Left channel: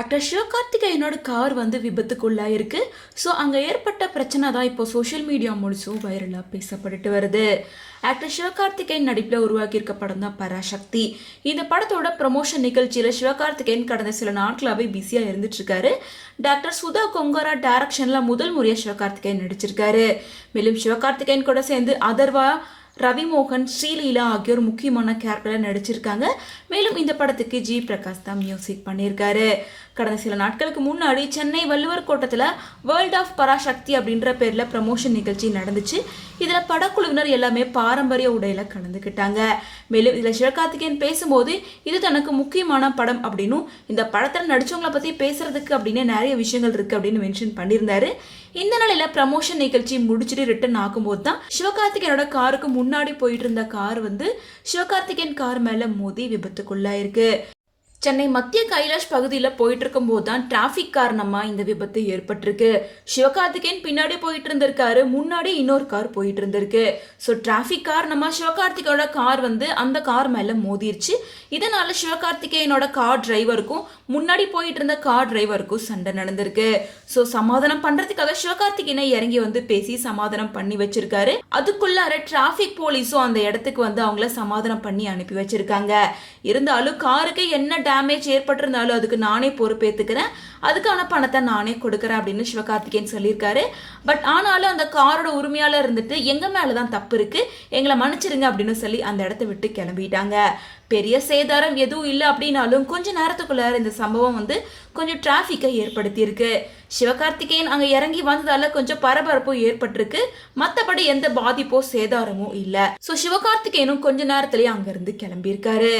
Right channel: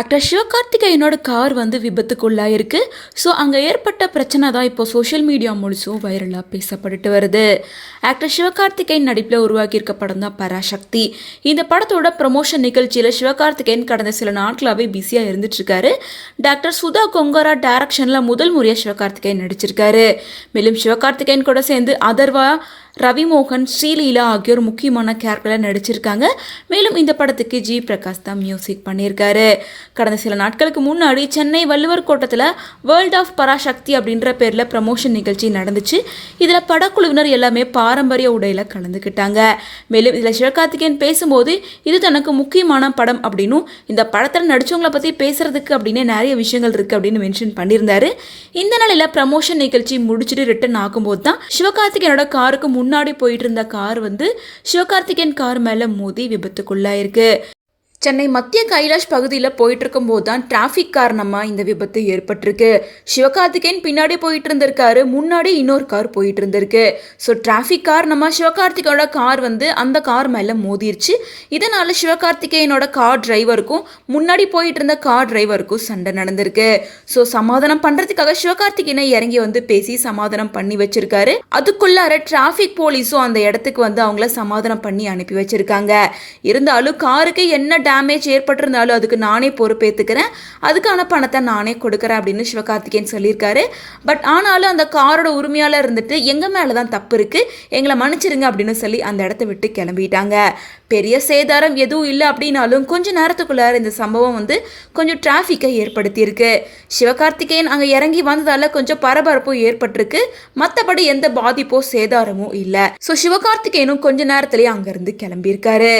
Actor சிவகார்த்திகேயனோட car வந்து விபத்துக்குள்ளாயிருக்கு. So அங்கே ஏற்பட்ட பிரச்சனை தான் இப்போ சோஷியல் மீடியா முழுசும் வைரலாக பேசப்பட்டுட்டு வருது. ஆக்டர் சிவகார்த்திகேயன் நடிப்பில் உருவாக்கியிருக்க படம் தான் பராசக்தி. இந்த படத்தோட ப்ரமோஷன் நிகழ்ச்சியில் சிவகார்த்திகேயன் கடந்த சில நாட்களாகவே பிஸியாக இருந்துட்டு இருக்காரு. டாக்டர் சுதா கொங்காரா டைரக்ஷனில் முதல் முறையாக சிவகார்த்திகேயன் நடிச்சிருக்காரு. மேலும் சிவகார்த்திகேயன் கூட சேர்ந்து அதர்வா, ரவிமோகன், ஸ்ரீலீலா ஆகியோர் முக்கியமான கேரக்டரில் நடிச்சிருக்காங்க. மேலும் இந்த படத்துக்கு ஜி பிரகாஷ் தான் மியூசிக் பண்ணியிருக்காரு. கடந்த சில நாட்களுக்கு முன்னாடி சென்னை வள்ளுவர் கோட்டத்தில் வேர்ல்ட் ஆஃப் பராசக்தி அப்படின்ற பேரில் ப்ரமோஷன் நிகழ்ச்சி நடந்துச்சு. இதில் படக்குழுவினர் எல்லாமே பாரம்பரிய உடையில் கலந்துக்கிட்டாங்க. மேலும் இதில் சிவகார்த்திகேயன் பேசும்போது இது தனக்கு முக்கியமான படம் அப்படின்னும் இந்த படத்தில் நடித்தவங்களை பற்றி பேசுறதுக்கு அப்படின்னு நிறைய விஷயங்கள் இருக்குது அப்படின்னு மென்ஷன் பண்ணியிருந்தாரு. இந்த நிலையில் ப்ரமோஷன் நிகழ்ச்சி முடிச்சுட்டு ரிட்டர்ன் ஆகும்போது தான் சிவகார்த்திகேயனோட காருக்கு முன்னாடி போயிட்டு இருந்த கார் வந்து சிவகார்த்திகேயன் கார் மேல மோதி விபத்துக்குள்ளாயிருக்கு. சென்னை மத்திய கைலாஷ் பகுதியில் போயிட்டு இருக்கும் போது தான் டிராஃபிக் காரணமாக இந்த விபத்து ஏற்பட்டிருக்கு. சிவகார்த்திகேயன் பின்னாடி போயிட்டு இருந்திருக்காரு, முன்னாடி இன்னொரு கார் போயிட்டு இருந்திருக்கு. ஸோ டிராஃபிக் காரணமாக சிவகார்த்திகேயனோட கார் வந்து அந்த கார் மேலே மோதிருச்சு. இதனால சிவகார்த்திகேயனோட கார் டிரைவருக்கும் முன்னாடி போயிட்டு இருந்த கார் டிரைவருக்கும் சண்டை நடந்திருக்கு. ஸோ சமாதானம் பண்ணுறதுக்காக சிவகார்த்திகேயனை இறங்கி வந்து பேசி சமாதானம் பண்ணி வச்சிருக்காரு. அதுக்குள்ளார டிராஃபிக் போலீஸும் அந்த இடத்துக்கு வந்து அவங்கள சமாதானம் பண்ணி அனுப்பி வச்சிருக்காங்க. இருந்தாலும் காருக்கு என்ன டேமேஜ் ஏற்பட்டிருந்தாலும் அதுக்கு நானே பொறுப்பேற்றுக்கிறேன், அதுக்கான பணத்தை நானே கொடுக்குறேன் அப்படின்னு சிவகார்த்திகேயன் சொல்லியிருக்காரு. பட் ஆனாலும் அந்த காரோட உரிமையாளர் இருந்துட்டு எங்கள் மேலே தான் தப்பு இருக்குது, எங்களை மன்னிச்சிருங்க அப்படின்னு சொல்லி அந்த இடத்த விட்டு கிளம்பிட்டாங்க. பெரிய சேதாரம் எதுவும் இல்லை அப்படின்னாலும் கொஞ்ச நேரத்துக்குள்ளார இந்த சம்பவம் வந்து கொஞ்சம் டிராஃபிக்கை ஏற்படுத்தியிருக்கு. சிவகார்த்திகேயன் அங்கே இறங்கி வந்ததால கொஞ்சம் பரபரப்பும் ஏற்பட்டிருக்கு. மற்றபடி எந்த பாதிப்போ சேதாரமும் இல்லை. ஸோ சிவகார்த்திகேயனும் கொஞ்ச நேரத்திலேயே அங்கேருந்து கிளம்பியிருக்காரு.